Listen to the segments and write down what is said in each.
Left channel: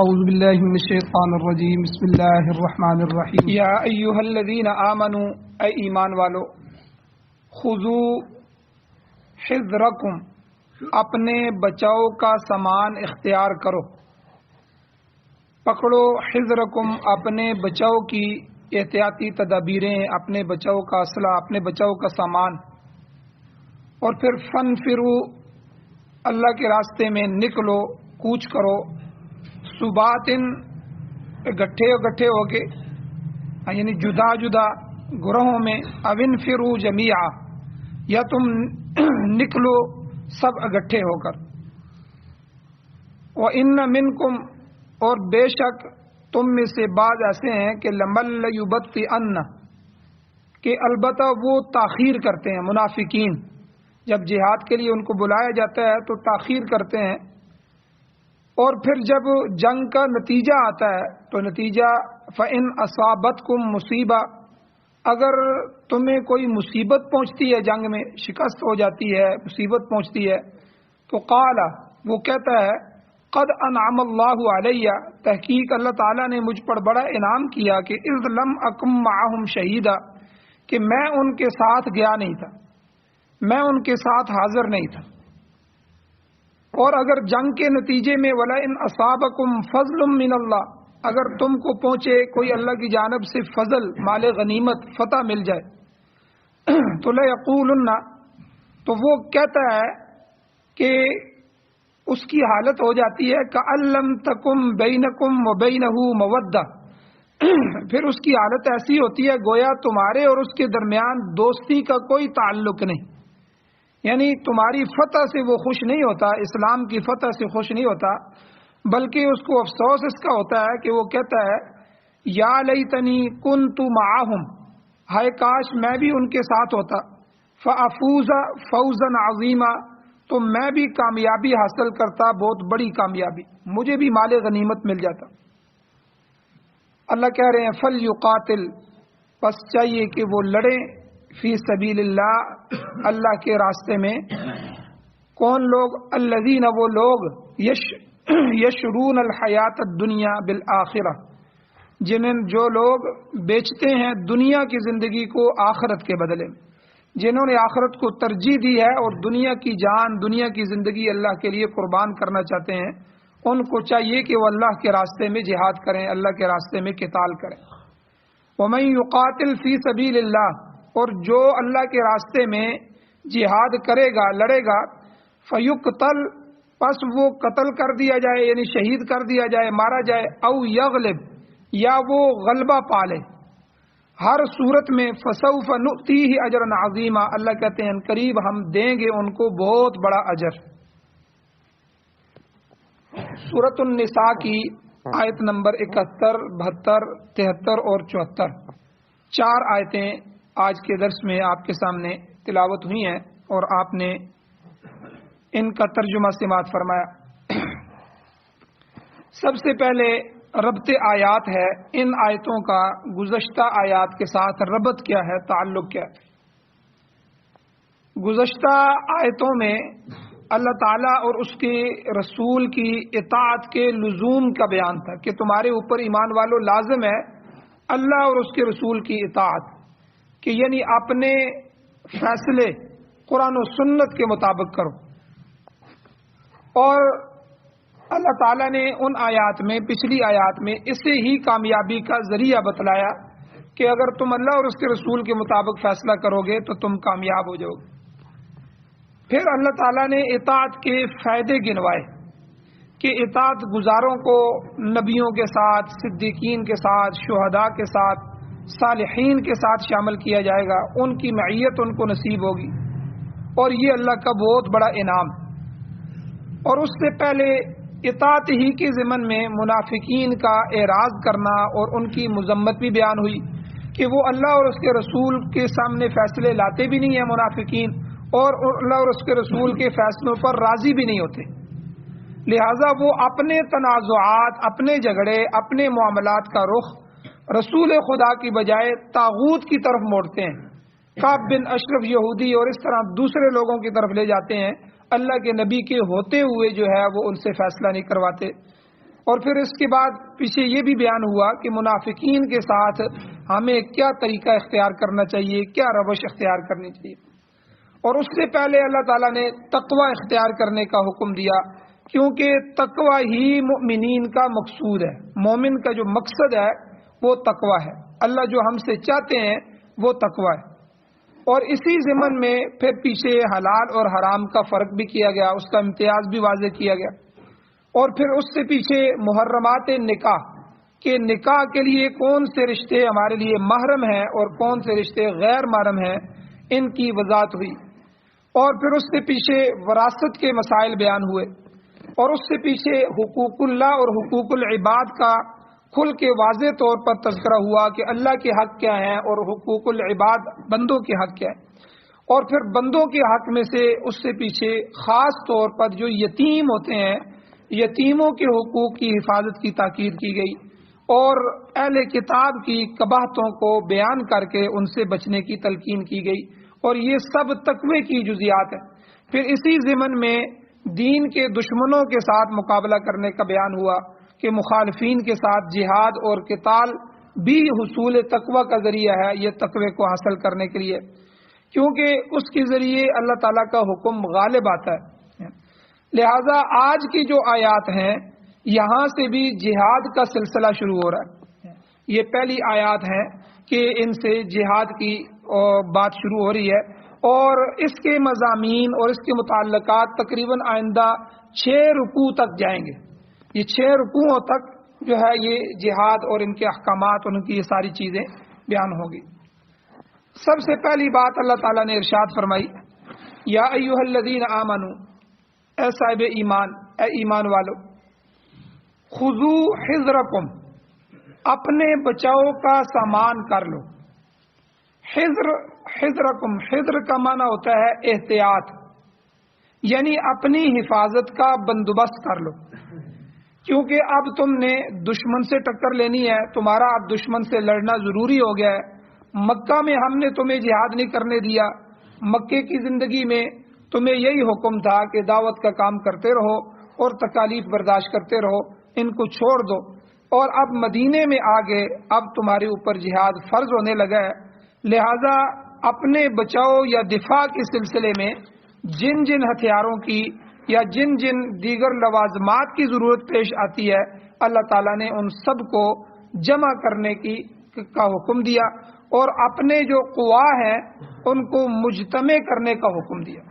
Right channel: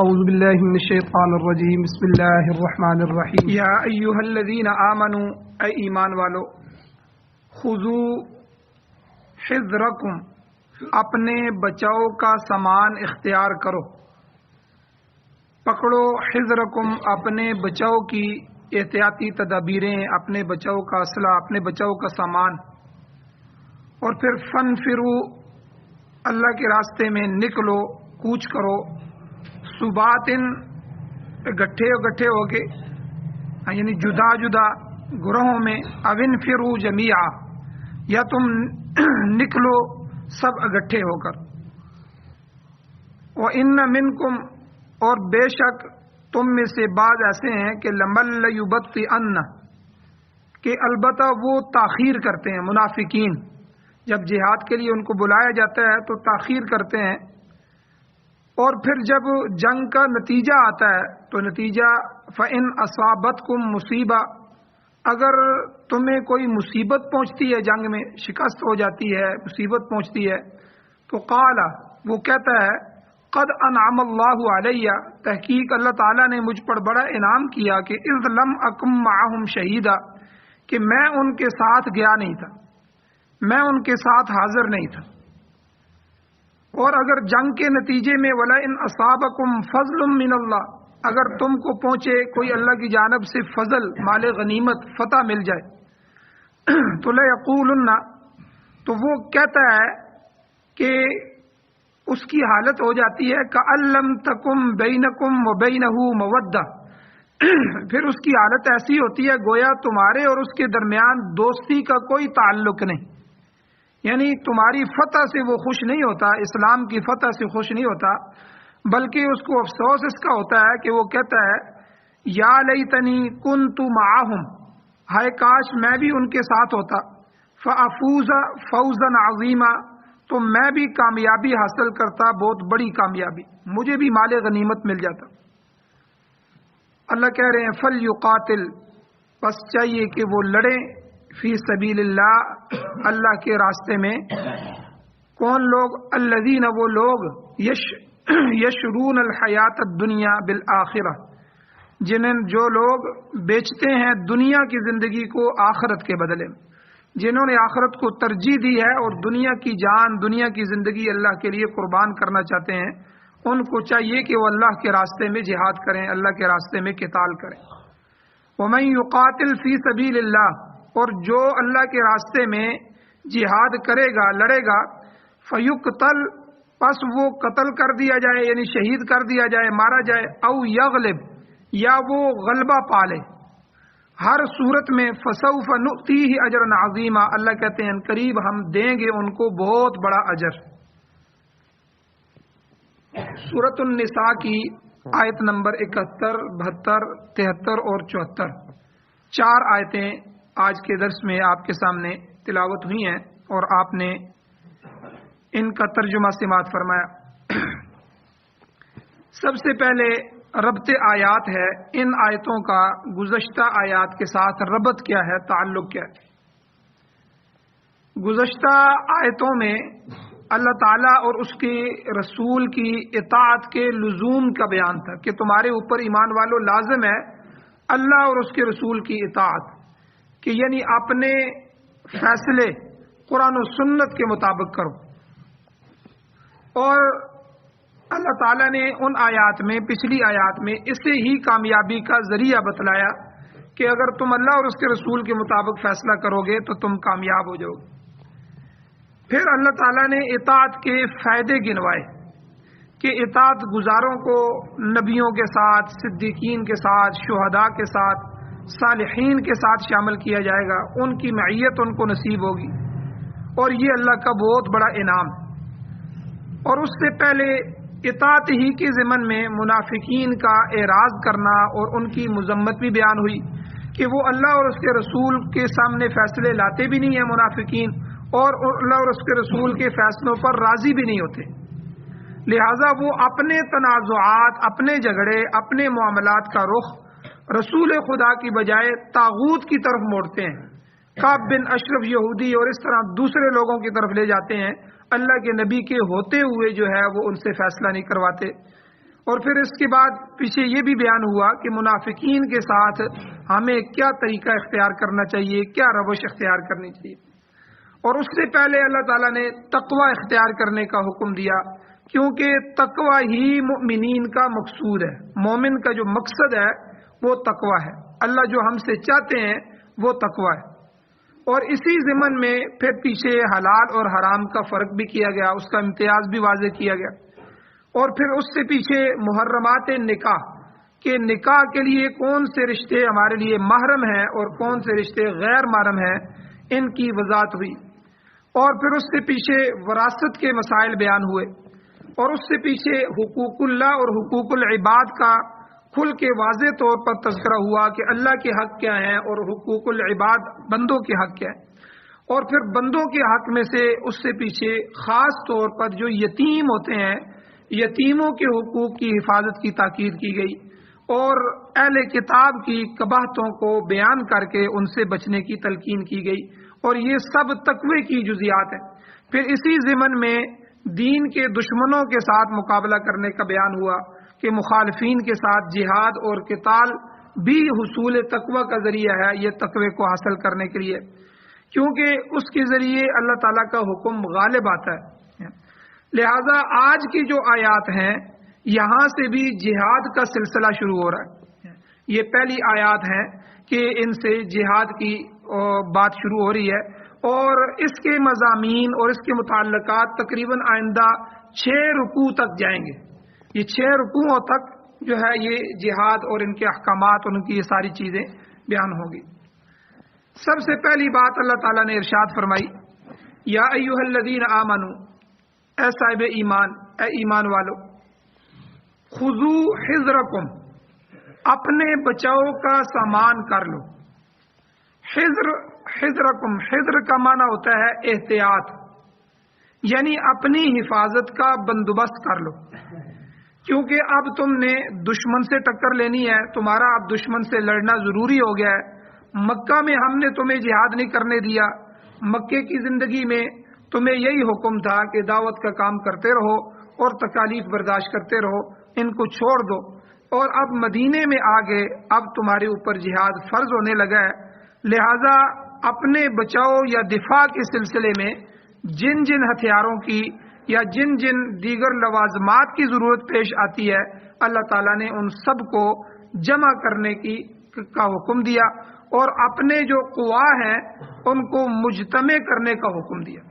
اعوذ باللہ من الشیطان الرجیم بسم اللہ الرحمن الرحیم یا ایھا الذین آمنوا اے ایمان والو خذوا حذرکم اپنے بچاؤ کا سامان اختیار کرو، پکڑو حذرکم اپنے بچاؤ کی احتیاطی تدابیریں، اپنے بچاؤ کا اسلحہ، اپنے بچاؤ کا سامان، اور پھر فنفروا اللہ کے راستے میں نکلو، کوچ کرو، صباتن گٹھے ہو کے، یعنی جدا جدا گروہوں میں، اوِنفروا جمیعا یا تم نکلو سب اکٹھے ہو کر، وَإِنَّ مِنْكُمْ اور بے شک تم میں سے بعض ایسے ہیں کہ لَمَن لَيُبَطِّئَنَّ کہ البتہ وہ تاخیر کرتے ہیں، منافقین جب جہاد کے لیے ان کو بلایا جاتا ہے تو تاخیر کرتے ہیں، اور پھر جب جنگ کا نتیجہ آتا ہے تو نتیجہ فَإِنْ أَصَابَتْكُمْ مُصِیبَةٌ اگر تمہیں کوئی مصیبت پہنچتی ہے، جنگ میں شکست ہو جاتی ہے، مصیبت پہنچتی ہے، تو قال وہ کہتا ہے قد انعم اللہ علیہ تحقیق اللہ تعالیٰ نے مجھ پر بڑا انعام کیا کہ اذ لم اکم معہم شہیدا کہ میں ان کے ساتھ گیا نہیں تھا، میں ان کے ساتھ حاضر نہیں تھا، اور اگر جنگ کے نتیجے میں وَلَئِنْ أَصَابَكُمْ فَضْلٌ مِّنَ اللَّهِ اگر تم کو پہنچے کوئی اللہ کی جانب سے فضل، مال غنیمت، فتح مل جائے تو لَيَقُولُنَّ تو وہ کہتا ہے کہ اس کی حالت ہو جاتی ہے كَأَن لَّمْ تَكُن بَيْنَكُمْ وَبَيْنَهُ مَوَدَّةٌ پھر اس کی حالت ایسی ہوتی ہے گویا تمہارے اور اس کے درمیان دوستی کا کوئی تعلق نہیں، یعنی تمہاری فتح سے وہ خوش نہیں ہوتا، اسلام کی فتح سے خوش نہیں ہوتا، بلکہ اس کو افسوس اس کا ہوتا ہے کہ وہ کہتا ہے یا لیتنی کنت معہم ہائے کاش میں بھی ان کے ساتھ ہوتا، فافوز فوزا عظیما تو میں بھی کامیابی حاصل کرتا، بہت بڑی کامیابی، مجھے بھی مال غنیمت مل جاتا۔ اللہ کہہ رہے ہیں فلیقاتل پس چاہیے کہ وہ لڑیں فی سبیل اللہ اللہ کے راستے میں، کون لوگ؟ الذین وہ لوگ یشرون الحیات الدنیا بالآخرہ جو لوگ بیچتے ہیں دنیا کی زندگی کو آخرت کے بدلے میں، جنہوں نے آخرت کو ترجیح دی ہے اور دنیا کی جان، دنیا کی زندگی اللہ کے لیے قربان کرنا چاہتے ہیں، ان کو چاہیے کہ وہ اللہ کے راستے میں جہاد کریں، اللہ کے راستے میں قتال کریں۔ ومن یقاتل فی سبیل اللہ اور جو اللہ کے راستے میں جہاد کرے گا، لڑے گا، فیقتل پس وہ قتل کر دیا جائے، یعنی شہید کر دیا جائے، مارا جائے، او یغلب یا وہ غلبہ پالے، ہر صورت میں فسوف نؤتیہ اجرا عظیما اللہ کہتے ہیں قریب ہم دیں گے ان کو بہت بڑا اجر۔ سورۃ النساء کی آیت نمبر 71، 72، 73 اور 74 چار آیتیں آج کے درس میں آپ کے سامنے تلاوت ہوئی ہیں اور آپ نے ان کا ترجمہ سماعت فرمایا۔ سب سے پہلے ربط آیات ہے، ان آیتوں کا گزشتہ آیات کے ساتھ ربط کیا ہے، تعلق کیا ہے۔ گزشتہ آیتوں میں اللہ تعالیٰ اور اس کے رسول کی اطاعت کے لزوم کا بیان تھا کہ تمہارے اوپر ایمان والو لازم ہے اللہ اور اس کے رسول کی اطاعت، کہ یعنی اپنے فیصلے قرآن و سنت کے مطابق کرو، اور اللہ تعالیٰ نے ان آیات میں، پچھلی آیات میں اسے ہی کامیابی کا ذریعہ بتلایا کہ اگر تم اللہ اور اس کے رسول کے مطابق فیصلہ کرو گے تو تم کامیاب ہو جاؤ گے۔ پھر اللہ تعالیٰ نے اطاعت کے فائدے گنوائے کہ اطاعت گزاروں کو نبیوں کے ساتھ، صدیقین کے ساتھ، شہداء کے ساتھ، صالحین کے ساتھ شامل کیا جائے گا، ان کی معیت ان کو نصیب ہوگی، اور یہ اللہ کا بہت بڑا انعام۔ اور اس سے پہلے اطاعت ہی کے ضمن میں منافقین کا اعراض کرنا اور ان کی مذمت بھی بیان ہوئی کہ وہ اللہ اور اس کے رسول کے سامنے فیصلے لاتے بھی نہیں ہیں منافقین، اور اللہ اور اس کے رسول کے فیصلوں پر راضی بھی نہیں ہوتے، لہذا وہ اپنے تنازعات، اپنے جھگڑے، اپنے معاملات کا رخ رسول خدا کی بجائے طاغوت کی طرف موڑتے ہیں، کعب بن اشرف یہودی اور اس طرح دوسرے لوگوں کی طرف لے جاتے ہیں، اللہ کے نبی کے ہوتے ہوئے جو ہے وہ ان سے فیصلہ نہیں کرواتے۔ اور پھر اس کے بعد پیچھے یہ بھی بیان ہوا کہ منافقین کے ساتھ ہمیں کیا طریقہ اختیار کرنا چاہیے، کیا روش اختیار کرنی چاہیے. اور اس سے پہلے اللہ تعالیٰ نے تقوی اختیار کرنے کا حکم دیا، کیونکہ تقوی ہی مؤمنین کا مقصود ہے. مومن کا جو مقصد ہے وہ تقوی ہے. اللہ جو ہم سے چاہتے ہیں وہ تقوی ہے. اور اسی ضمن میں پھر پیچھے حلال اور حرام کا فرق بھی کیا گیا، اس کا امتیاز بھی واضح کیا گیا. اور پھر اس سے پیچھے محرمات نکاح کہ نکاح کے لیے کون سے رشتے ہمارے لیے محرم ہیں اور کون سے رشتے غیر محرم ہیں، ان کی وضاحت ہوئی. اور پھر اس سے پیچھے وراثت کے مسائل بیان ہوئے. اور اس سے پیچھے حقوق اللہ اور حقوق العباد کا کھل کے واضح طور پر تذکرہ ہوا کہ اللہ کے حق کیا ہیں اور حقوق العباد بندوں کے حق کیا ہیں. اور پھر بندوں کے حق میں سے اس سے پیچھے خاص طور پر جو یتیم ہوتے ہیں، یتیموں کے حقوق کی حفاظت کی تاکید کی گئی اور اہل کتاب کی قباحتوں کو بیان کر کے ان سے بچنے کی تلقین کی گئی. اور یہ سب تقوی کی جزیات ہیں. پھر اسی ضمن میں دین کے دشمنوں کے ساتھ مقابلہ کرنے کا بیان ہوا کہ مخالفین کے ساتھ جہاد اور قتال بھی حصول تقوی کا ذریعہ ہے، یہ تقوی کو حاصل کرنے کے لیے، کیونکہ اس کے ذریعے اللہ تعالیٰ کا حکم غالب آتا ہے. لہذا آج کی جو آیات ہیں یہاں سے بھی جہاد کا سلسلہ شروع ہو رہا ہے. یہ پہلی آیات ہیں کہ ان سے جہاد کی بات شروع ہو رہی ہے، اور اس کے مضامین اور اس کے متعلقات تقریباً آئندہ 6 رکوع تک جائیں گے. یہ 6 رکوعوں تک جو ہے یہ جہاد اور ان کے احکامات اور ان کی یہ ساری چیزیں بیان ہوں گی. سب سے پہلی بات اللہ تعالیٰ نے ارشاد فرمائی، یا ایھا الذین آمنوا، اے صاحب ایمان، اے ایمان والو، خذوا حذرکم، اپنے بچاؤ کا سامان کر لو. حذرکم، حذر کا معنی ہوتا ہے احتیاط، یعنی اپنی حفاظت کا بندوبست کر لو. کیونکہ اب تم نے دشمن سے ٹکر لینی ہے، تمہارا اب دشمن سے لڑنا ضروری ہو گیا ہے. مکہ میں ہم نے تمہیں جہاد نہیں کرنے دیا. مکے کی زندگی میں تمہیں یہی حکم تھا کہ دعوت کا کام کرتے رہو اور تکالیف برداشت کرتے رہو، ان کو چھوڑ دو. اور اب مدینے میں آگے اب تمہارے اوپر جہاد فرض ہونے لگا ہے. لہذا اپنے بچاؤ یا دفاع کے سلسلے میں جن جن ہتھیاروں کی یا جن جن دیگر لوازمات کی ضرورت پیش آتی ہے، اللہ تعالیٰ نے ان سب کو جمع کرنے کا حکم دیا اور اپنے جو قوا ہیں ان کو مجتمع کرنے کا حکم دیا.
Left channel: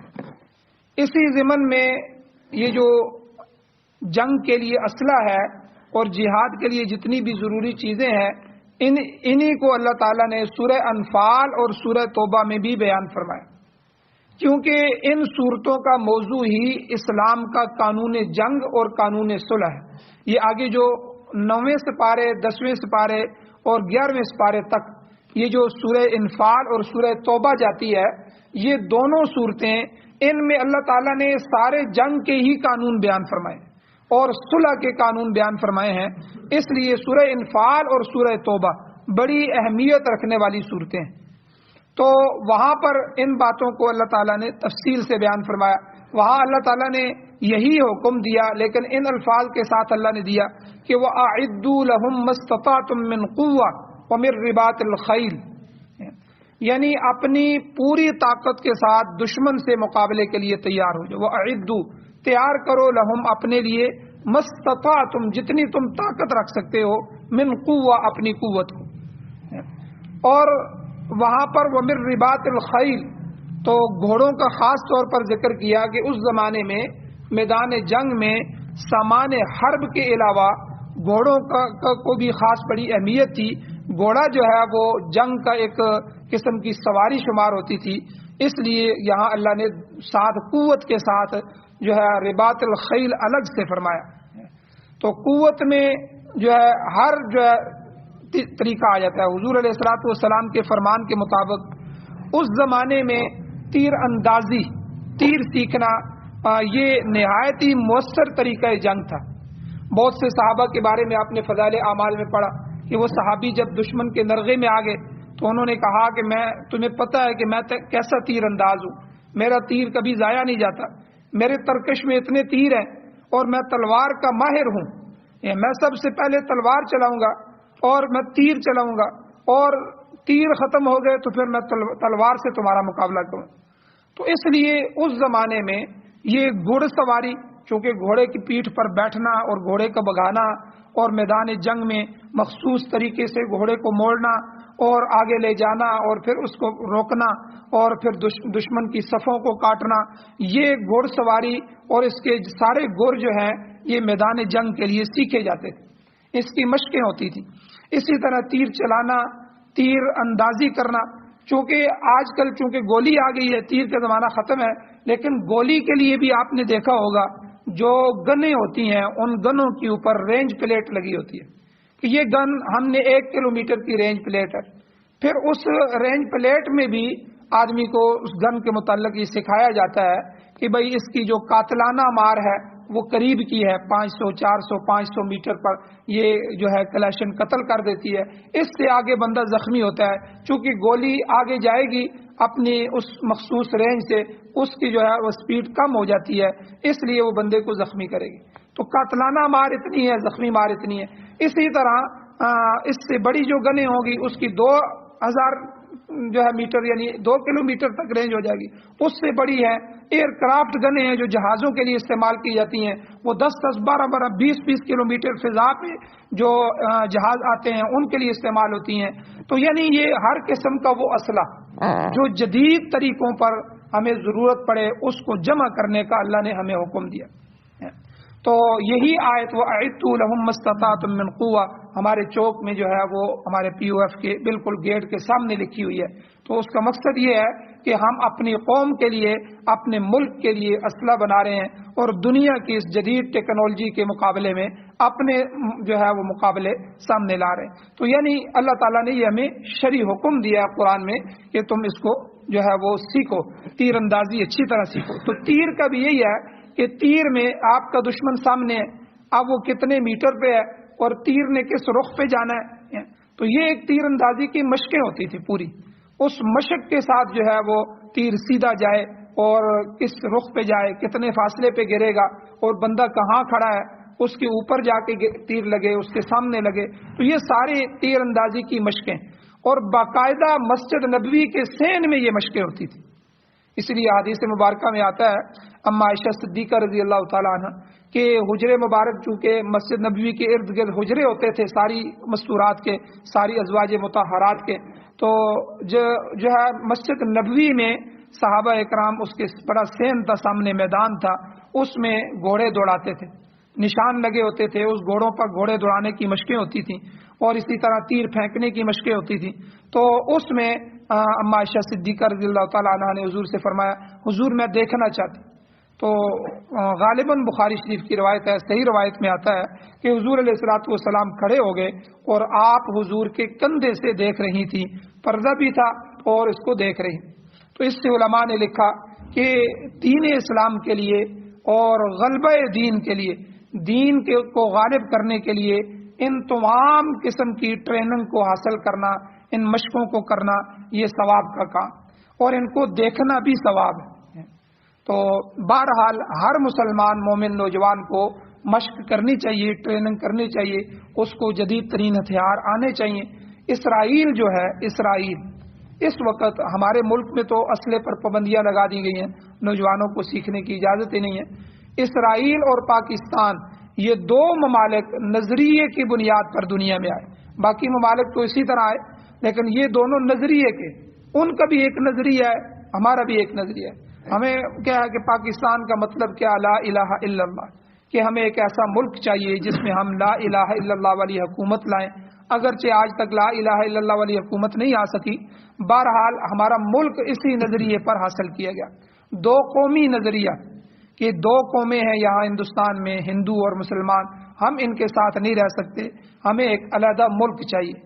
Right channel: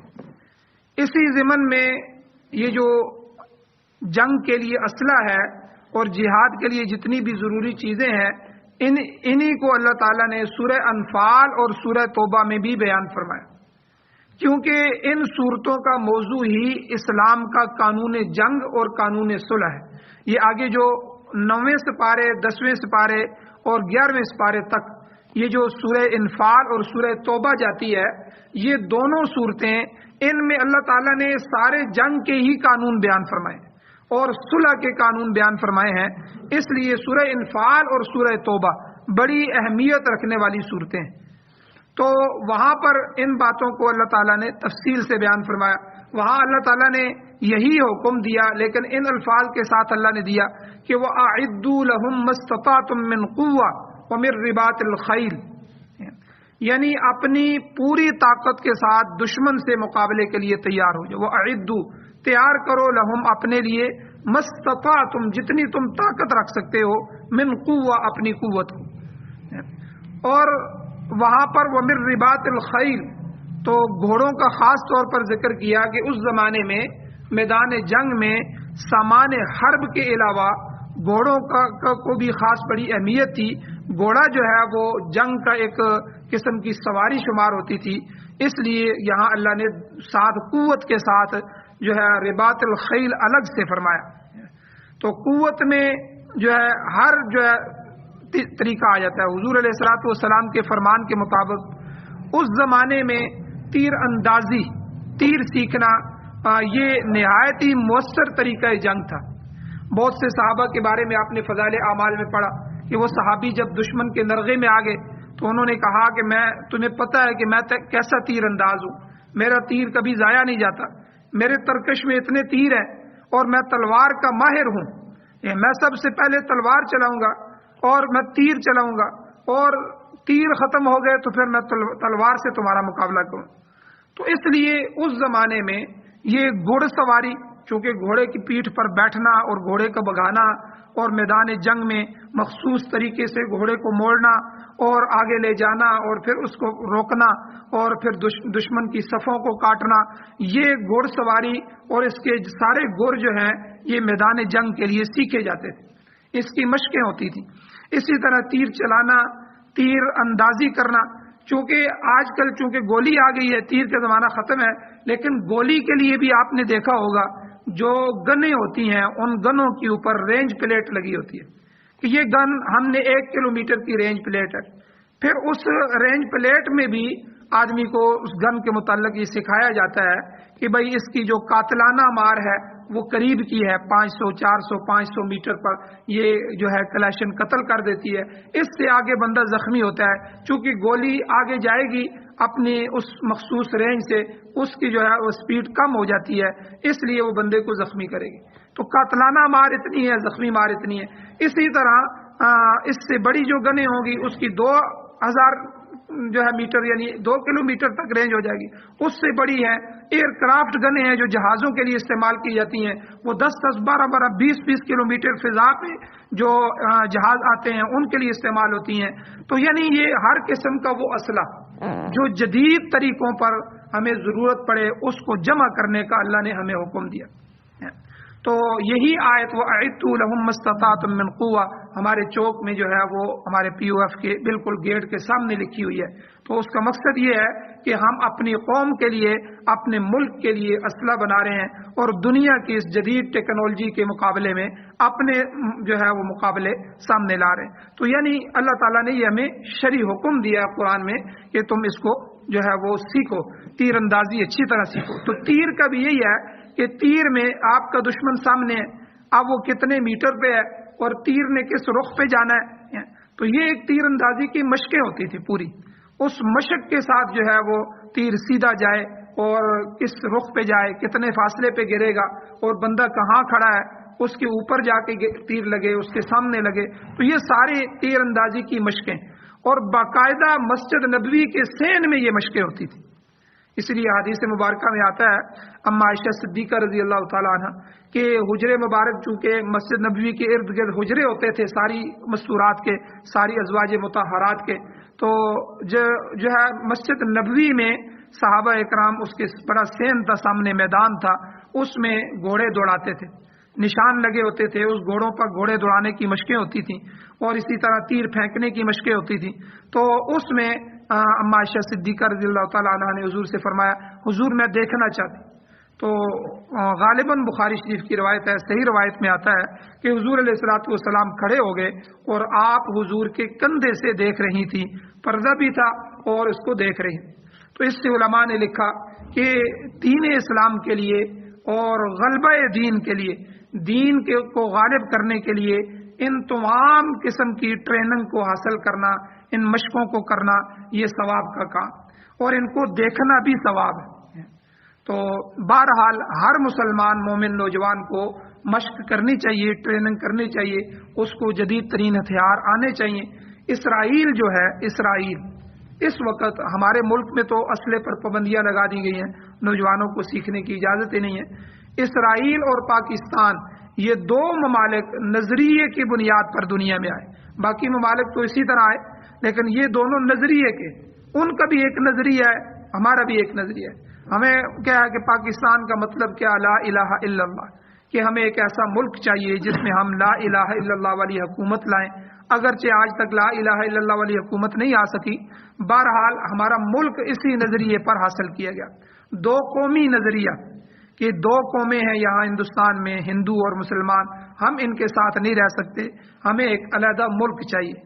اسی ضمن میں یہ جو جنگ کے لیے اسلحہ ہے اور جہاد کے لیے جتنی بھی ضروری چیزیں ہیں، انہی کو اللہ تعالیٰ نے سورہ انفال اور سورہ توبہ میں بھی بیان فرمایا، کیونکہ ان صورتوں کا موضوع ہی اسلام کا قانون جنگ اور قانون صلح ہے. یہ آگے جو 9ویں سپارے، 10ویں سپارے اور 11ویں سپارے تک یہ جو سورہ انفال اور سورہ توبہ جاتی ہے، یہ دونوں صورتیں ان میں اللہ تعالیٰ نے سارے جنگ کے ہی قانون بیان فرمائے اور صلح کے قانون بیان فرمائے ہیں. اس لیے سورہ انفال اور سورہ توبہ بڑی اہمیت رکھنے والی صورتیں ہیں. تو وہاں پر ان باتوں کو اللہ تعالیٰ نے تفصیل سے بیان فرمایا. وہاں اللہ تعالیٰ نے یہی حکم دیا، لیکن ان الفاظ کے ساتھ اللہ نے دیا کہ وَأَعِدُّوا لَهُم مَّا اسْتَطَعْتُم مِّن قُوَّةٍ وَمِن رِّبَاطِ الْخَيْلِ، یعنی اپنی پوری طاقت کے ساتھ دشمن سے مقابلے کے لیے تیار ہو جاؤ. وَأَعِدُّوا، تیار کرو، لَهُم اپنے لیے، مَّا اسْتَطَعْتُم جتنی تم طاقت رکھ سکتے ہو، مِن قُوَّةٍ اپنی قوت کو. اور وہاں پر وَمِن رِّبَاطِ الْخَيْلِ، تو گھوڑوں کا خاص طور پر ذکر کیا کہ اس زمانے میں میدان جنگ میں سامان حرب کے علاوہ گھوڑوں کو بھی خاص بڑی اہمیت تھی. گھوڑا جو ہے وہ جنگ کا ایک قسم کی سواری شمار ہوتی تھی، اس لیے یہاں اللہ نے ساتھ قوت کے ساتھ جو ہے رباط الخیل الگ سے فرمایا. تو قوت میں جو ہے ہر جو ہے طریقہ آ جاتا ہے. حضور علیہ الصلوۃ والسلام کے فرمان کے مطابق اس زمانے میں تیر اندازی، تیر سیکھنا یہ نہایت ہی مؤثر طریقہ جنگ تھا. بہت سے صحابہ کے بارے میں آپ نے فضائل اعمال میں پڑھا کہ وہ صحابی جب دشمن کے نرغے میں آ گئے تو انہوں نے کہا کہ تمہیں پتہ ہے کہ میں کیسا تیر انداز ہوں، میرا تیر کبھی ضائع نہیں جاتا، میرے ترکش میں اتنے تیر ہیں اور میں تلوار کا ماہر ہوں. میں سب سے پہلے تلوار چلاؤں گا اور میں تیر چلاؤں گا، اور تیر ختم ہو گئے تو پھر میں تلوار سے تمہارا مقابلہ کروں۔ تو اس لیے اس زمانے میں یہ گھوڑ سواری، چونکہ گھوڑے کی پیٹھ پر بیٹھنا اور گھوڑے کو بھگانا اور میدان جنگ میں مخصوص طریقے سے گھوڑے کو موڑنا اور آگے لے جانا اور پھر اس کو روکنا اور پھر دشمن کی صفوں کو کاٹنا، یہ گھوڑ سواری اور اس کے سارے گور جو ہیں یہ میدان جنگ کے لیے سیکھے جاتے تھے، اس کی مشقیں ہوتی تھیں۔ اسی طرح تیر چلانا، تیر اندازی کرنا، چونکہ آج کل چونکہ گولی آ گئی ہے، تیر کا زمانہ ختم ہے، لیکن گولی کے لیے بھی آپ نے دیکھا ہوگا جو گنیں ہوتی ہیں ان گنوں کے اوپر رینج پلیٹ لگی ہوتی ہے کہ یہ گن ہم نے 1 کلومیٹر کی رینج پلیٹ ہے۔ پھر اس رینج پلیٹ میں بھی آدمی کو اس گن کے متعلق یہ سکھایا جاتا ہے کہ بھئی اس کی جو قاتلانہ مار ہے وہ قریب کی ہے، 500 400 500 میٹر پر یہ جو ہے کلیشن قتل کر دیتی ہے، اس سے آگے بندہ زخمی ہوتا ہے، چونکہ گولی آگے جائے گی اپنی اس مخصوص رینج سے، اس کی جو ہے وہ سپیڈ کم ہو جاتی ہے، اس لیے وہ بندے کو زخمی کرے گی۔ تو قاتلانہ مار اتنی ہے، زخمی مار اتنی ہے۔ اسی طرح اس سے بڑی جو گنیں ہوں گی اس کی 2000 جو ہے میٹر یعنی 2 کلومیٹر تک رینج ہو جائے گی، اس سے بڑی ہیں ایئر کرافٹ گنیں ہیں جو جہازوں کے لیے استعمال کی جاتی ہیں، وہ 10 12 20 کلومیٹر فضا پہ جو جہاز آتے ہیں ان کے لیے استعمال ہوتی ہیں۔ تو یعنی یہ ہر قسم کا وہ اسلحہ جو جدید طریقوں پر ہمیں ضرورت پڑے اس کو جمع کرنے کا اللہ نے ہمیں حکم دیا۔ تو یہی آیت وَأَعِدُّوا لَهُم مَّا اسْتَطَعْتُم مِّن قُوَّةٍ ہمارے چوک میں جو ہے وہ ہمارے پی او ایف کے بالکل گیٹ کے سامنے لکھی ہوئی ہے۔ تو اس کا مقصد یہ ہے کہ ہم اپنی قوم کے لیے، اپنے ملک کے لیے اسلحہ بنا رہے ہیں اور دنیا کی اس جدید ٹیکنالوجی کے مقابلے میں اپنے جو ہے وہ مقابلے سامنے لا رہے ہیں۔ تو یعنی اللہ تعالیٰ نے یہ ہمیں شرعی حکم دیا قرآن میں کہ تم اس کو جو ہے وہ سیکھو، تیر اندازی اچھی طرح سیکھو۔ تو تیر کا بھی یہی ہے کہ تیر میں آپ کا دشمن سامنے ہے، اب وہ کتنے میٹر پہ ہے اور تیر نے کس رخ پہ جانا ہے، تو یہ ایک تیر اندازی کی مشقیں ہوتی تھی پوری، اس مشق کے ساتھ جو ہے وہ تیر سیدھا جائے اور کس رخ پہ جائے، کتنے فاصلے پہ گرے گا اور بندہ کہاں کھڑا ہے اس کے اوپر جا کے تیر لگے، اس کے سامنے لگے۔ تو یہ سارے تیر اندازی کی مشقیں، اور باقاعدہ مسجد نبوی کے سین میں یہ مشقیں ہوتی تھی۔ اس لیے حدیث مبارکہ میں آتا ہے اما عائشہ صدیقہ رضی اللہ تعالیٰ عنہ کہ حجرے مبارک چونکہ مسجد نبوی کے ارد گرد حجرے ہوتے تھے ساری مستورات کے، ساری ازواج مطہرات کے، تو جو ہے مسجد نبوی میں صحابہ اکرام اس کے بڑا سین تھا، سامنے میدان تھا، اس میں گھوڑے دوڑاتے تھے، نشان لگے ہوتے تھے، اس گھوڑوں پر گھوڑے دوڑانے کی مشقیں ہوتی تھیں، اور اسی طرح تیر پھینکنے کی مشقیں ہوتی تھیں۔ تو اس میں اما عائشہ صدیقہ رضی اللہ تعالیٰ عنہ نے حضور سے فرمایا حضور میں دیکھنا چاہتی، تو غالباً بخاری شریف کی روایت ہے، صحیح روایت میں آتا ہے کہ حضور علیہ الصلوۃ والسلام کھڑے ہو گئے اور آپ حضور کے کندھے سے دیکھ رہی تھی، پردہ بھی تھا اور اس کو دیکھ رہی۔ تو اس سے علماء نے لکھا کہ دین اسلام کے لیے اور غلبہ دین کے لیے، دین کو غالب کرنے کے لیے ان تمام قسم کی ٹریننگ کو حاصل کرنا، ان مشقوں کو کرنا، یہ ثواب کا کام، اور ان کو دیکھنا بھی ثواب ہے۔ تو بہرحال ہر مسلمان مومن نوجوان کو مشق کرنی چاہیے، ٹریننگ کرنی چاہیے، اس کو جدید ترین ہتھیار آنے چاہیے۔ اسرائیل جو ہے، اسرائیل اس وقت ہمارے ملک میں تو اسلحے پر پابندیاں لگا دی گئی ہیں، نوجوانوں کو سیکھنے کی اجازت ہی نہیں ہے۔ اسرائیل اور پاکستان یہ دو ممالک نظریے کی بنیاد پر دنیا میں آئے، باقی ممالک تو اسی طرح آئے، لیکن یہ دونوں نظریے کے، ان کا بھی ایک نظریہ ہے، ہمارا بھی ایک نظریہ ہے۔ ہمیں کیا ہے کہ پاکستان کا مطلب کیا، لا الہ الا اللہ، کہ ہمیں ایک ایسا ملک چاہیے جس میں ہم لا الہ الا اللہ والی حکومت لائیں، اگرچہ آج تک لا الہ الا اللہ والی حکومت نہیں آ سکی، بہرحال ہمارا ملک اسی نظریے پر حاصل کیا گیا۔ دو قومی نظریہ کہ دو قومیں ہیں یہاں ہندوستان میں، ہندو اور مسلمان، ہم ان کے ساتھ نہیں رہ سکتے، ہمیں ایک علیحدہ ملک چاہیے۔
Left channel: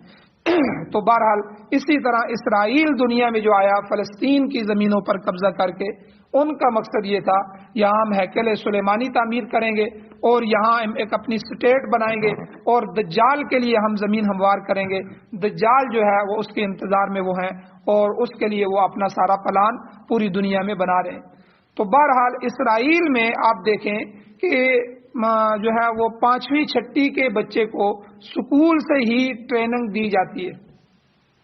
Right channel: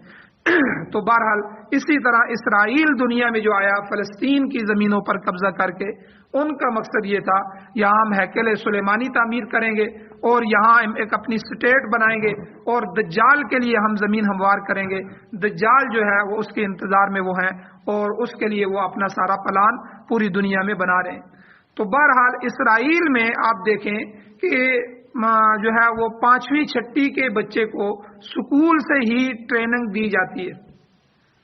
تو بہرحال اسی طرح اسرائیل دنیا میں جو آیا فلسطین کی زمینوں پر قبضہ کر کے، ان کا مقصد یہ تھا یہاں ہم ہیکل سلیمانی تعمیر کریں گے اور یہاں ہم ایک اپنی اسٹیٹ بنائیں گے اور دجال کے لیے ہم زمین ہموار کریں گے۔ دجال جو ہے وہ اس کے انتظار میں وہ ہیں اور اس کے لیے وہ اپنا سارا پلان پوری دنیا میں بنا رہے ہیں۔ تو بہرحال اسرائیل میں آپ دیکھیں کہ جو ہے وہ 5ویں 6ٹھی کے بچے کو سکول سے ہی ٹریننگ دی جاتی ہے،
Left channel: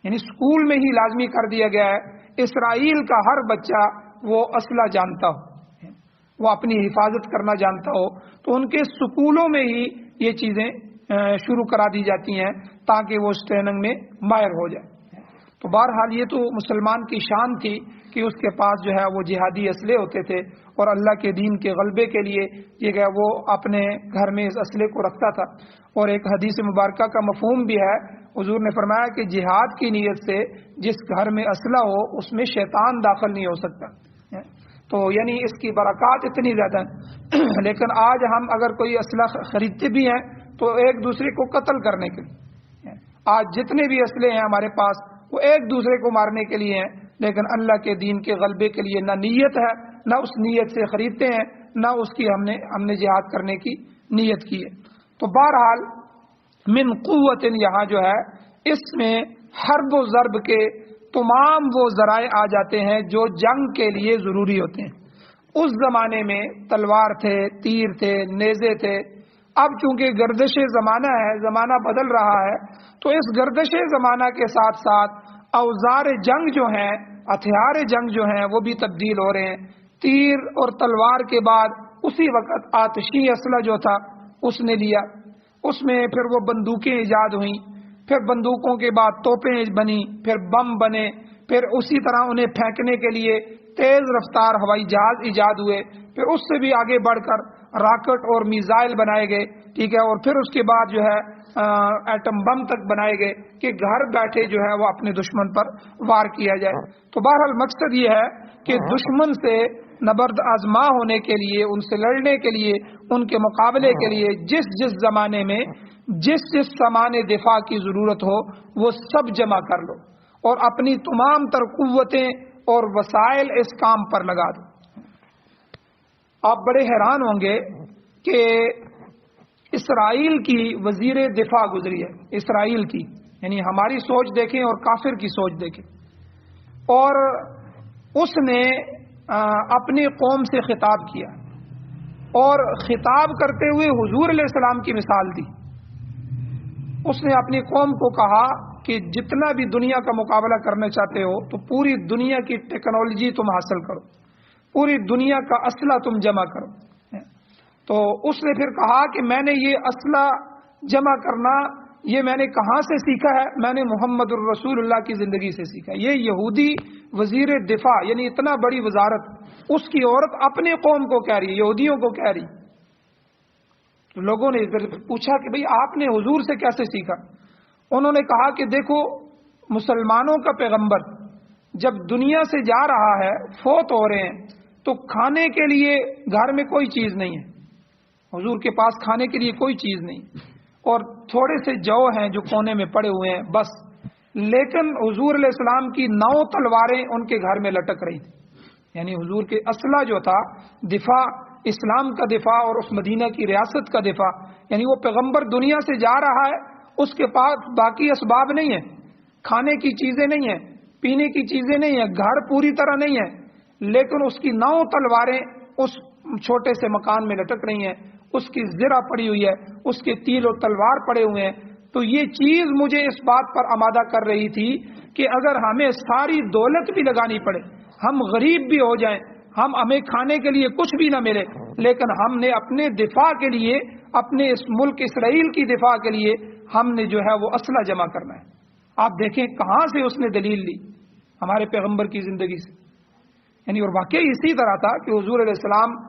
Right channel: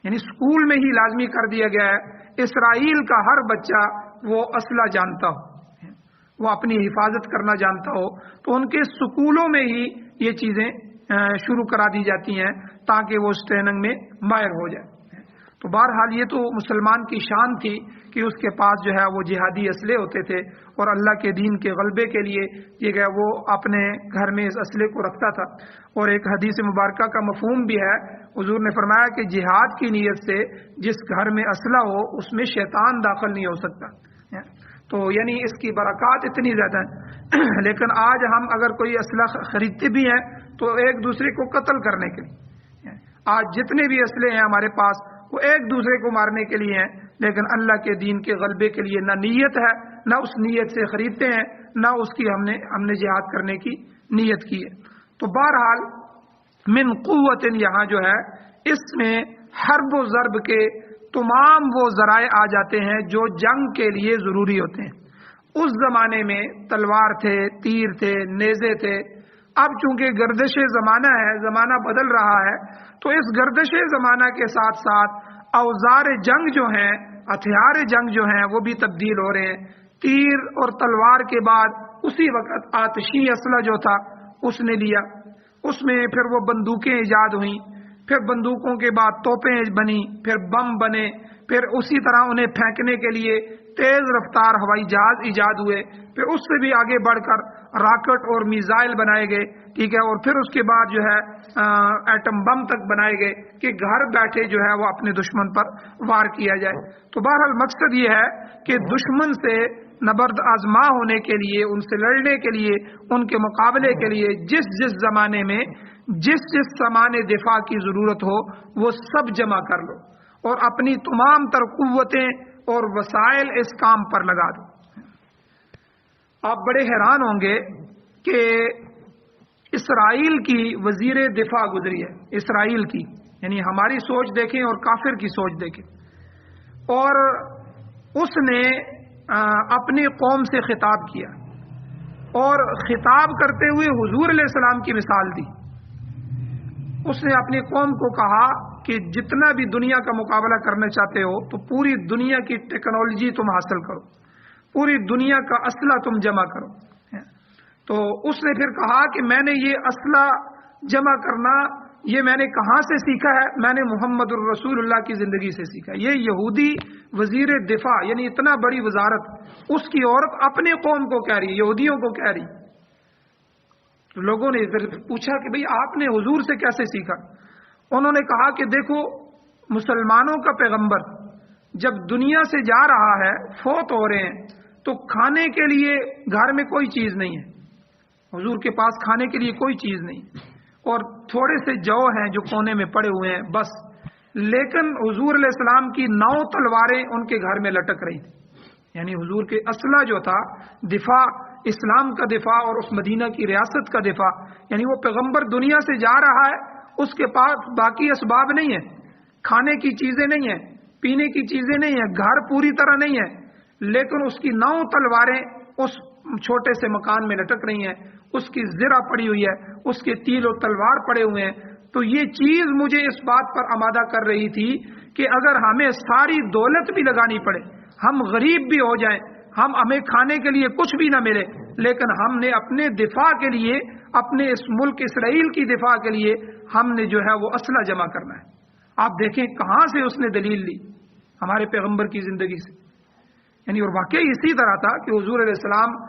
یعنی سکول میں ہی لازمی کر دیا گیا ہے اسرائیل کا ہر بچہ وہ اسلحہ جانتا ہو، وہ اپنی حفاظت کرنا جانتا ہو، تو ان کے سکولوں میں ہی یہ چیزیں شروع کرا دی جاتی ہیں تاکہ وہ اس ٹریننگ میں ماہر ہو جائے۔ تو بہرحال یہ تو مسلمان کی شان تھی کہ اس کے پاس جو ہے وہ جہادی اسلحے ہوتے تھے، اور اللہ کے دین کے غلبے کے لیے یہ کہ وہ اپنے گھر میں اس اسلحے کو رکھتا تھا۔ اور ایک حدیث مبارکہ کا مفہوم بھی ہے، حضور نے فرمایا کہ جہاد کی نیت سے جس گھر میں اسلحہ ہو اس میں شیطان داخل نہیں ہو سکتا، تو یعنی اس کی برکات اتنی زیادہ ہیں۔ لیکن آج ہم اگر کوئی اسلحہ خریدتے بھی ہیں تو ایک دوسرے کو قتل کرنے کے لیے، آج جتنے بھی اسلحے ہیں ہمارے پاس وہ ایک دوسرے کو مارنے کے لیے ہیں، لیکن اللہ کے دین کے غلبے کے لیے نہ نیت ہے، نہ اس نیت سے خریدتے ہیں، نہ اس کی ہم نے جہاد کرنے کی نیت کی ہے۔ تو بہرحال من قوت یہاں جو ہے اس میں حرب و ضرب کے تمام وہ ذرائع آ جاتے ہیں جو جنگ کے لیے ضروری ہوتے ہیں۔ اس زمانے میں تلوار تھے، تیر تھے، نیزے تھے۔ اب چونکہ گردش زمانہ ہے، زمانہ بدل رہا ہے، تو اس گردش زمانہ کے ساتھ ساتھ اوزار جنگ جو ہیں، ہتھیار جنگ جو ہیں وہ بھی تبدیل ہو رہے ہیں۔ تیر اور تلوار کے بعد اسی وقت آتشی اسلحہ جو تھا اس نے لیا، اس میں پھر وہ بندوقیں ایجاد ہوئیں، پھر بندوقوں کے بعد توپیں بنی، پھر بم بنے، پھر اسی طرح انہیں پھینکنے کے لیے تیز رفتار ہوائی جہاز ایجاد ہوئے، پھر اس سے بھی آگے بڑھ کر راکٹ اور میزائل بنائے گئے، ٹھیک ہے، اور پھر اس کے بعد جو ہے ایٹم بم تک بنائے گئے کہ گھر بیٹھے جو ہے وہ اپنے دشمن پر وار کیا جائے۔ تو بہرحال مقصد یہ ہے کہ دشمن سے نبرد آزما ہونے کے لیے، ان سے لڑنے کے لیے، ان کے مقابلے کے لیے جس زمانے میں جس سامان دفاع کی ضرورت ہو وہ سب جمع کر لو اور اپنی تمام تر قوتیں اور وسائل اس کام پر لگا دو۔ آپ بڑے حیران ہوں گے کہ اسرائیل کی وزیر دفاع گزری ہے، اسرائیل کی، یعنی ہماری سوچ دیکھیں اور کافر کی سوچ دیکھیں، اور اس نے اپنی قوم سے خطاب کیا اور خطاب کرتے ہوئے حضور علیہ السلام کی مثال دی۔ اس نے اپنی قوم کو کہا کہ جتنا بھی دنیا کا مقابلہ کرنا چاہتے ہو تو پوری دنیا کی ٹیکنالوجی تم حاصل کرو، پوری دنیا کا اسلحہ تم جمع کرو۔ تو اس نے پھر کہا کہ میں نے یہ اسلحہ جمع کرنا یہ میں نے کہاں سے سیکھا ہے؟ میں نے محمد الرسول اللہ کی زندگی سے سیکھا۔ یہ یہودی وزیر دفاع، یعنی اتنا بڑی وزارت، اس کی عورت اپنے قوم کو کہہ رہی، یہودیوں کو کہہ رہی۔ لوگوں نے پوچھا کہ بھئی آپ نے حضور سے کیسے سیکھا؟ انہوں نے کہا کہ دیکھو، مسلمانوں کا پیغمبر جب دنیا سے جا رہا ہے، فوت ہو رہے ہیں، تو کھانے کے لیے گھر میں کوئی چیز نہیں ہے، حضور کے پاس کھانے کے لیے کوئی چیز نہیں، اور تھوڑے سے جو ہیں جو کونے میں پڑے ہوئے ہیں بس، لیکن حضور علیہ السلام کی 9 تلواریں ان کے گھر میں لٹک رہی، یعنی حضور کے اسلحہ جو تھا، دفاع، اسلام کا دفاع اور اس مدینہ کی ریاست کا دفاع، یعنی وہ پیغمبر دنیا سے جا رہا ہے، اس کے پاس باقی اسباب نہیں ہیں، کھانے کی چیزیں نہیں ہیں، پینے کی چیزیں نہیں ہیں، گھر پوری طرح نہیں ہے، لیکن اس کی 9 تلواریں اس چھوٹے سے مکان میں لٹک رہی ہیں، اس کی زرہ پڑی ہوئی ہے، اس کے تیل و تلوار پڑے ہوئے ہیں۔ تو یہ چیز مجھے اس بات پر آمادہ کر رہی تھی کہ اگر ہمیں ساری دولت بھی لگانی پڑے، ہم غریب بھی ہو جائیں، ہمیں کھانے کے لیے کچھ بھی نہ ملے، لیکن ہم نے اپنے دفاع کے لیے، اپنے اس ملک اسرائیل کی دفاع کے لیے ہم نے جو ہے وہ اسلحہ جمع کرنا ہے۔ آپ دیکھیں کہاں سے اس نے دلیل لی، ہمارے پیغمبر کی زندگی سے، یعنی اور واقعی اسی طرح تھا کہ حضور علیہ السلام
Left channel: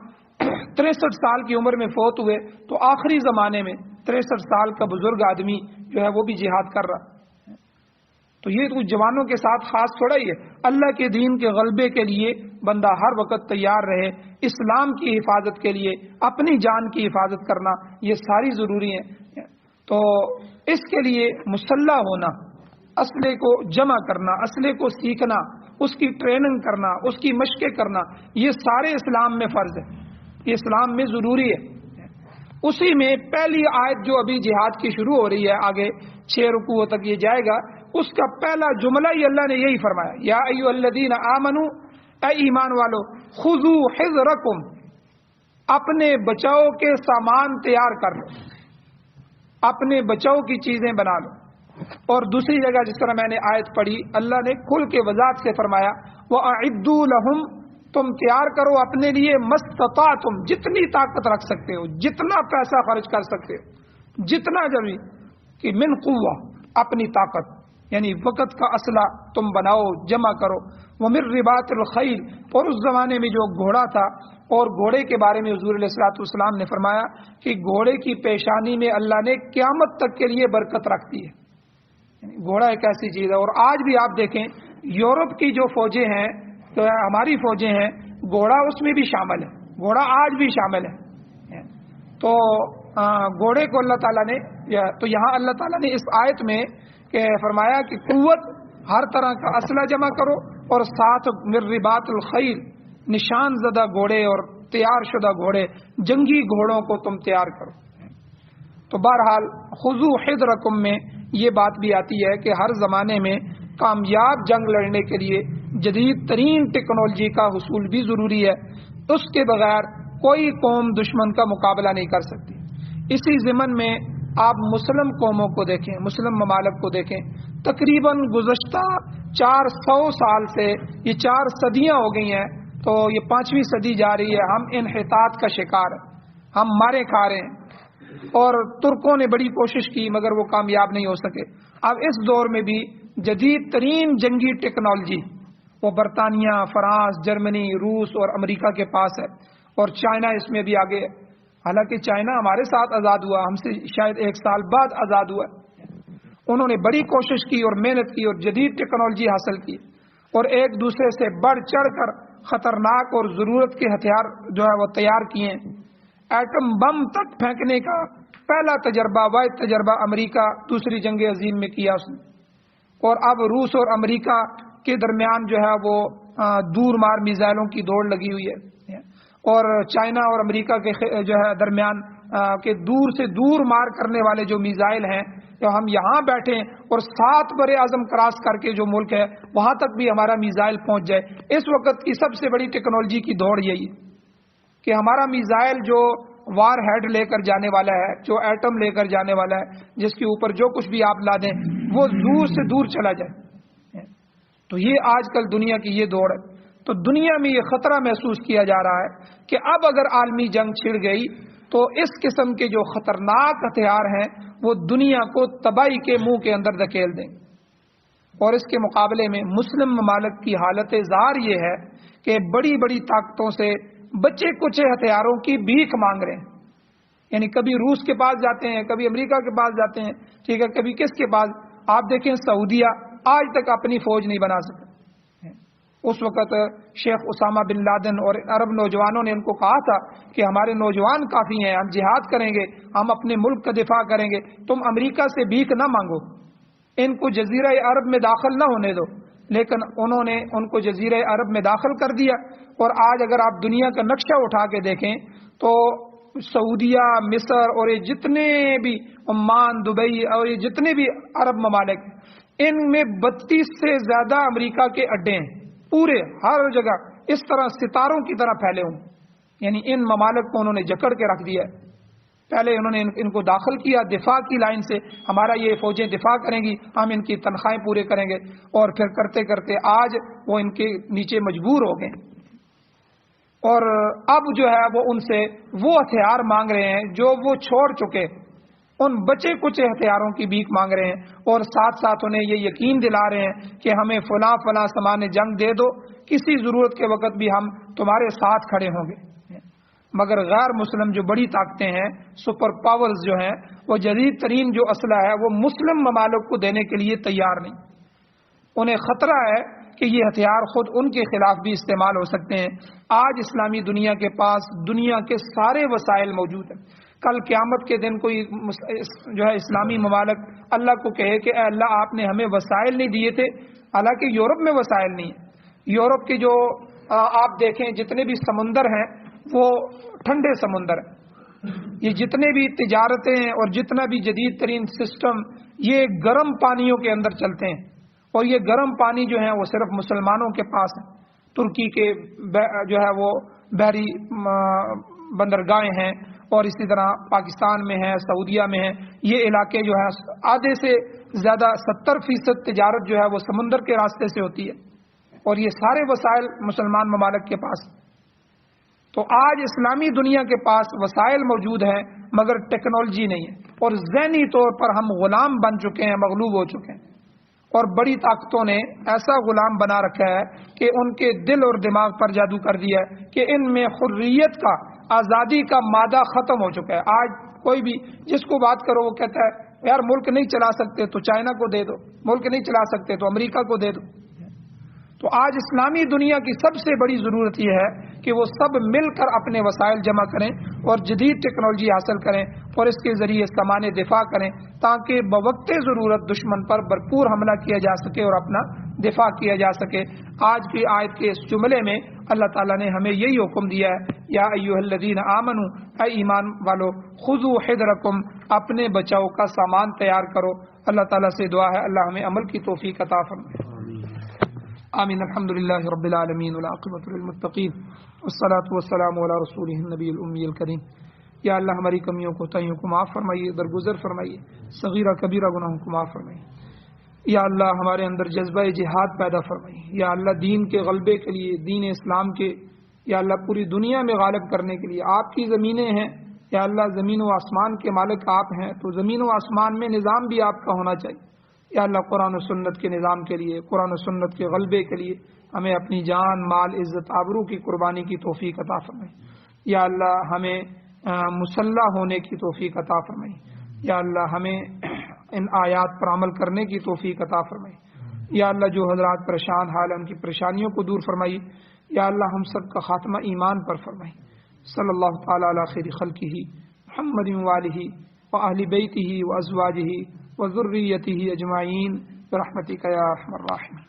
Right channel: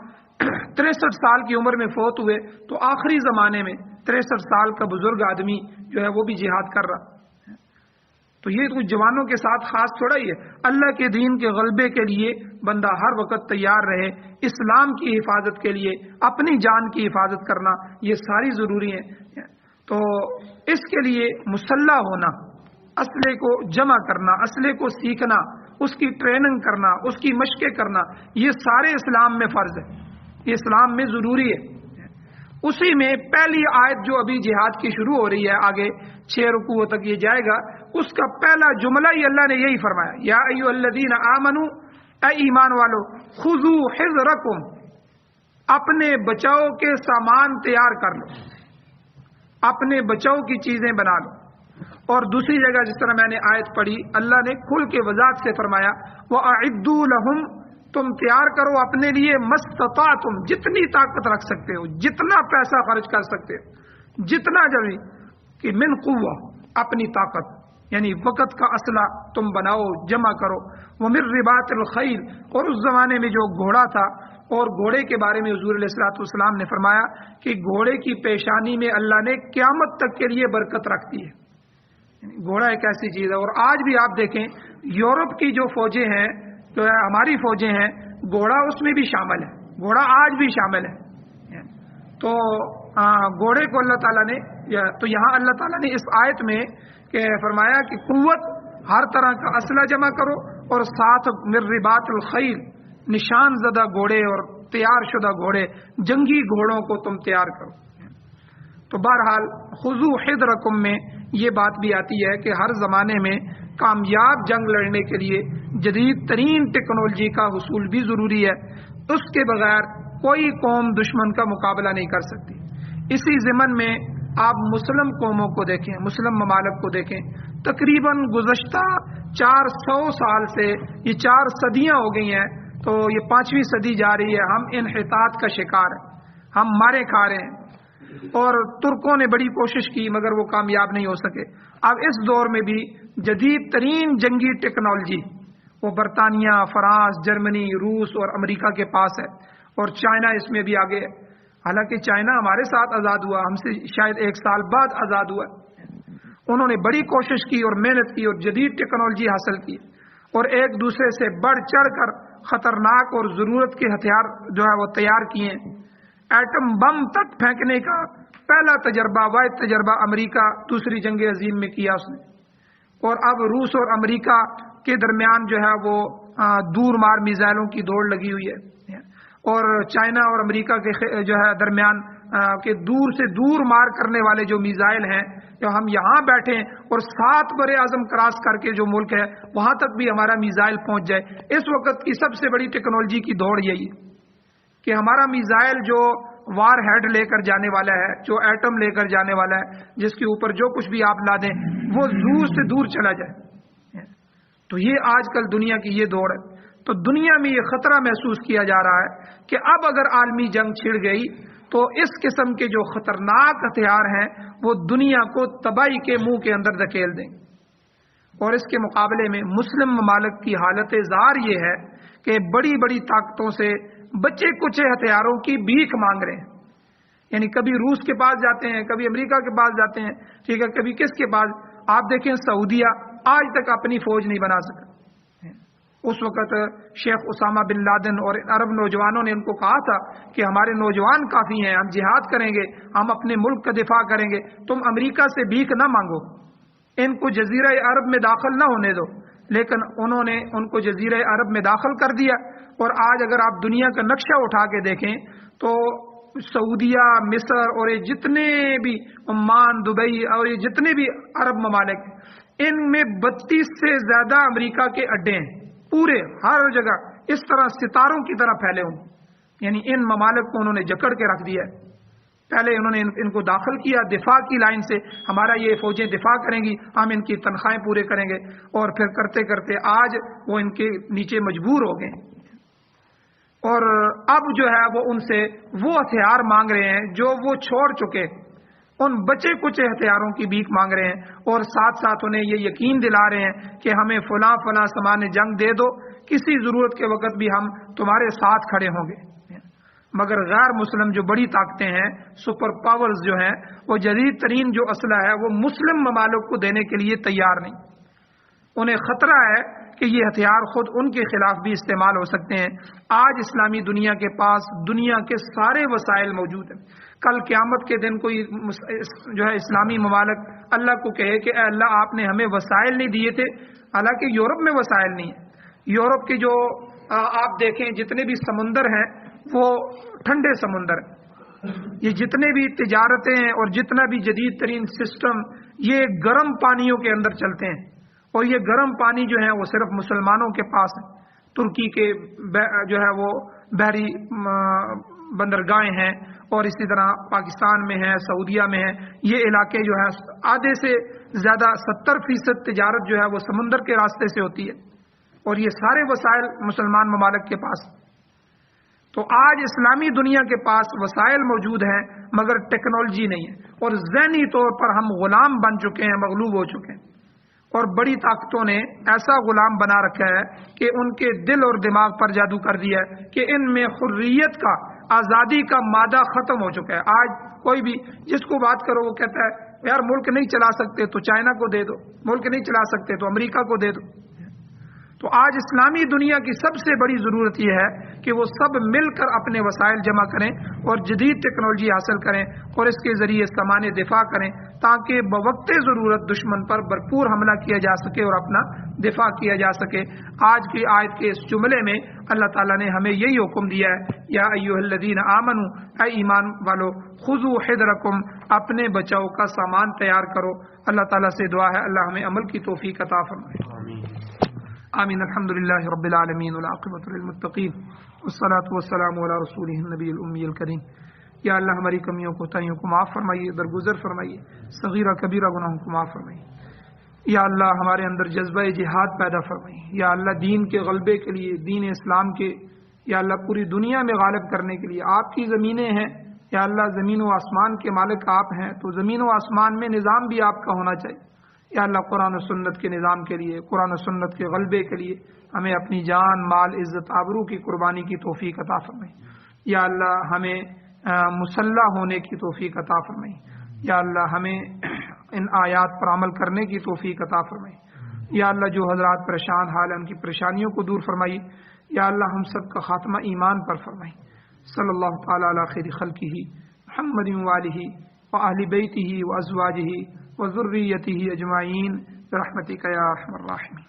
63 سال کی عمر میں فوت ہوئے، تو آخری زمانے میں 63 سال کا بزرگ آدمی جو ہے وہ بھی جہاد کر رہا، تو یہ کچھ جوانوں کے ساتھ خاص تھوڑا ہی ہے۔ اللہ کے دین کے غلبے کے لیے بندہ ہر وقت تیار رہے، اسلام کی حفاظت کے لیے اپنی جان کی حفاظت کرنا، یہ ساری ضروری ہیں۔ تو اس کے لیے مسلح ہونا، اسلحے کو جمع کرنا، اسلحے کو سیکھنا، اس کی ٹریننگ کرنا، اس کی مشقیں کرنا، یہ سارے اسلام میں فرض ہے، یہ اسلام میں ضروری ہے۔ اسی میں پہلی آیت جو ابھی جہاد کی شروع ہو رہی ہے، آگے 6 رکوع تک یہ جائے گا، اس کا پہلا جملہ ہی اللہ نے یہی فرمایا، یا ایھا الذین آمنوا، اے ایمان والو، خذوا حذرکم، اپنے بچاؤ کے سامان تیار کر لو، اپنے بچاؤ کی چیزیں بنا لو۔ اور دوسری جگہ جس طرح میں نے آیت پڑھی، اللہ نے کھل کے وضاحت سے فرمایا وَأَعِدُّوا لَهُمْ، تم تیار کرو اپنے لیے مَسْتَطَعْتُمْ، جتنی طاقت رکھ سکتے ہو، جتنا پیسہ خرچ کر سکتے ہو، جتنا جبھی کہ من قوہ، اپنی طاقت یعنی وقت کا اسلحہ تم بناؤ، جمع کرو۔ وَمِن رِبَاطِ الْخَيْلِ، اور اس زمانے میں جو گھوڑا تھا، اور گھوڑے کے بارے میں حضور علیہ الصلوۃ والسلام نے فرمایا کہ گھوڑے کی پیشانی میں اللہ نے قیامت تک کے لیے برکت رکھ دی ہے۔ گھوڑا ایک ایسی چیز ہے، اور آج بھی آپ دیکھیں یورپ کی جو فوجیں ہیں، تو ہماری فوجیں ہیں، گھوڑا اس میں بھی شامل ہے، گھوڑا آج بھی شامل ہے۔ تو گھوڑے کو اللہ تعالیٰ نے، تو یہاں اللہ تعالیٰ نے اس آیت میں فرمایا کہ قوت، ہر طرح کا اسلحہ جمع کرو، اور ساتھ من رباط الخیل، نشان زدہ گھوڑے اور تیار شدہ گھوڑے، جنگی گھوڑوں کو تم تیار کرو۔ تو بہرحال خذوا حذرکم میں یہ بات بھی آتی ہے کہ ہر زمانے میں کامیاب جنگ لڑنے کے لیے جدید ترین ٹیکنالوجی کا حصول بھی ضروری ہے، اس کے بغیر کوئی قوم دشمن کا مقابلہ نہیں کر سکتی۔ اسی ضمن میں آپ مسلم قوموں کو دیکھیں، مسلم ممالک کو دیکھیں، تقریباً گزشتہ 400 سال سے، یہ 4 صدیاں ہو گئی ہیں، تو یہ 5ویں صدی جا رہی ہے، ہم انحطاط کا شکار ہیں، ہم مارے کھا رہے ہیں۔ اور ترکوں نے بڑی کوشش کی مگر وہ کامیاب نہیں ہو سکے۔ اب اس دور میں بھی جدید ترین جنگی ٹیکنالوجی وہ برطانیہ، فرانس، جرمنی، روس اور امریکہ کے پاس ہے، اور چائنا اس میں بھی آگے ہے۔ حالانکہ چائنا ہمارے ساتھ آزاد ہوا، ہم سے شاید 1 سال بعد آزاد ہوا۔ انہوں نے بڑی کوشش کی اور محنت کی اور جدید ٹیکنالوجی حاصل کی، اور ایک دوسرے سے بڑھ چڑھ کر خطرناک اور ضرورت کے ہتھیار جو ہے وہ تیار کیے۔ ایٹم بم تک پھینکنے کا پہلا تجربہ، واحد تجربہ امریکہ دوسری جنگ عظیم میں کیا اس نے۔ اور اب روس اور امریکہ کے درمیان جو ہے وہ دور مار میزائلوں کی دوڑ لگی ہوئی ہے، اور چائنا اور امریکہ کے جو ہے درمیان کہ دور سے دور مار کرنے والے جو میزائل ہیں، جو ہم یہاں بیٹھے اور 7 بر اعظم کراس کر کے جو ملک ہے وہاں تک بھی ہمارا میزائل پہنچ جائے۔ اس وقت کی سب سے بڑی ٹیکنالوجی کی دوڑ یہی کہ ہمارا میزائل جو وار ہیڈ لے کر جانے والا ہے، جو ایٹم لے کر جانے والا ہے، جس کے اوپر جو کچھ بھی آپ لا دیں وہ دور سے دور چلا جائے۔ تو یہ آج کل دنیا کی یہ دوڑ ہے۔ تو دنیا میں یہ خطرہ محسوس کیا جا رہا ہے کہ اب اگر عالمی جنگ چھڑ گئی تو اس قسم کے جو خطرناک ہتھیار ہیں وہ دنیا کو تباہی کے منہ کے اندر دھکیل دیں۔ اور اس کے مقابلے میں مسلم ممالک کی حالت زار یہ ہے کہ بڑی بڑی طاقتوں سے بچے کچے ہتھیاروں کی بھیک مانگ رہے ہیں، یعنی کبھی روس کے پاس جاتے ہیں، کبھی امریکہ کے پاس جاتے ہیں، ٹھیک ہے، کبھی کس کے پاس۔ آپ دیکھیں سعودیہ آج تک اپنی فوج نہیں بنا سکا۔ اس وقت شیخ اسامہ بن لادن اور عرب نوجوانوں نے ان کو کہا تھا کہ ہمارے نوجوان کافی ہیں، ہم جہاد کریں گے، ہم اپنے ملک کا دفاع کریں گے، تم امریکہ سے بھیک نہ مانگو، ان کو جزیرہ عرب میں داخل نہ ہونے دو۔ لیکن انہوں نے ان کو جزیرہ عرب میں داخل کر دیا، اور آج اگر آپ دنیا کا نقشہ اٹھا کے دیکھیں تو سعودیہ، مصر اور یہ جتنے بھی عمان، دبئی اور یہ جتنے بھی عرب ممالک، ان میں 32 سے زیادہ امریکہ کے اڈے ہیں، پورے ہر جگہ اس طرح ستاروں کی طرح پھیلے ہوں۔ یعنی ان ممالک کو انہوں نے جکڑ کے رکھ دیا ہے۔ پہلے انہوں نے ان کو داخل کیا دفاع کی لائن سے، ہمارا یہ فوجیں دفاع کریں گی، ہم ان کی تنخواہیں پورے کریں گے، اور پھر کرتے کرتے آج وہ ان کے نیچے مجبور ہو گئے، اور اب جو ہے وہ ان سے وہ ہتھیار مانگ رہے ہیں جو وہ چھوڑ چکے، ان بچے کچے ہتھیاروں کی بھیک مانگ رہے ہیں، اور ساتھ ساتھ انہیں یہ یقین دلا رہے ہیں کہ ہمیں فلاں فلاں سامان جنگ دے دو، کسی ضرورت کے وقت بھی ہم تمہارے ساتھ کھڑے ہوں گے۔ مگر غیر مسلم جو بڑی طاقتیں ہیں، سپر پاورز جو ہیں، وہ جدید ترین جو اسلحہ ہے وہ مسلم ممالک کو دینے کے لیے تیار نہیں۔ انہیں خطرہ ہے کہ یہ ہتھیار خود ان کے خلاف بھی استعمال ہو سکتے ہیں۔ آج اسلامی دنیا کے پاس دنیا کے سارے وسائل موجود ہیں۔ کل قیامت کے دن کوئی جو ہے اسلامی ممالک اللہ کو کہے کہ اے اللہ آپ نے ہمیں وسائل نہیں دیے تھے، حالانکہ یورپ میں وسائل نہیں ہیں۔ یورپ کے جو آپ دیکھیں جتنے بھی سمندر ہیں وہ ٹھنڈے سمندر ہیں، یہ جتنے بھی تجارتیں ہیں اور جتنا بھی جدید ترین سسٹم یہ گرم پانیوں کے اندر چلتے ہیں، اور یہ گرم پانی جو ہیں وہ صرف مسلمانوں کے پاس ہیں۔ ترکی کے جو ہے وہ بحری بندرگاہیں ہیں اور اسی طرح پاکستان میں ہے، سعودیہ میں ہے، یہ علاقے جو ہے آدھے سے زیادہ 70% تجارت جو ہے وہ سمندر کے راستے سے ہوتی ہے، اور یہ سارے وسائل مسلمان ممالک کے پاس۔ تو آج اسلامی دنیا کے پاس وسائل موجود ہیں مگر ٹیکنالوجی نہیں ہے، اور ذہنی طور پر ہم غلام بن چکے ہیں، مغلوب ہو چکے ہیں، اور بڑی طاقتوں نے ایسا غلام بنا رکھا ہے کہ ان کے دل اور دماغ پر جادو کر دیا ہے کہ ان میں حریت کا، آزادی کا مادہ ختم ہو چکا ہے۔ آج کوئی بھی جس کو بات کرو وہ کہتا ہے یار ملک نہیں چلا سکتے تو چائنا کو دے دو، ملک نہیں چلا سکتے تو امریکہ کو دے دو۔ تو آج اسلامی دنیا کی سب سے بڑی ضرورت یہ ہے کہ وہ سب مل کر اپنے وسائل جمع کریں اور جدید ٹیکنالوجی حاصل کریں اور اس کے ذریعے سامان دفاع کریں تاکہ بوقت ضرورت دشمن پر بھرپور حملہ کیا جا سکے اور اپنا دفاع کیا جا سکے۔ آج کی آیت کے اس جملے میں اللہ تعالیٰ نے ہمیں یہی حکم دیا ہے، یا ایھا الذین آمنوا، اے ایمان والو، خذوا حذرکم، اپنے بچاؤ کا سامان تیار کرو۔ اللہ تعالیٰ سے دعا ہے اللہ ہمیں عمل کی توفیق عطا فرمائے۔ آمین۔ الحمد للہ رب العالمین والعاقبۃ للمتقین والصلاۃ والسلام علی رسولہ النبی الامی الکریم۔ یا اللہ ہماری کمیوں کو تائیوں کو معاف فرمائیے، درگزر فرمائیے، صغیرہ کبیرہ گناہوں کو معاف فرمائیے۔ یا اللہ ہمارے اندر جذبہ جہاد پیدا فرمائیے۔ یا اللہ دین کے غلبے کے لیے، دین اسلام کے، یا اللہ پوری دنیا میں غالب کرنے کے لیے آپ کی زمینیں ہیں، یا اللہ زمین و آسمان کے مالک آپ ہیں، تو زمین و آسمان میں نظام بھی آپ کا ہونا چاہیے۔ یا اللہ قرآن و سنت کے نظام کے لیے، قرآن و سنت کے غلبے کے لیے ہمیں اپنی جان، مال، عزت، آبرو کی قربانی کی توفیق عطا فرمائیے۔ یا اللہ ہمیں مسلح ہونے کی توفیق عطا فرمائیے۔ یا اللہ ہمیں ان آیات پر عمل کرنے کی توفیق عطا فرمائیے۔ یا اللہ جو حضرات پریشان حال ہیں ان کی پریشانیوں کو دور فرمائیے۔ یا اللہ ہم سب کا خاتمہ ایمان پر فرمائیے۔ صلی اللہ تعالی علی خیر خلقہ محمد وآلہ وأہل بیتہ وازواجہ وذریتہ اجمعین برحمتک یا ارحم الراحمین۔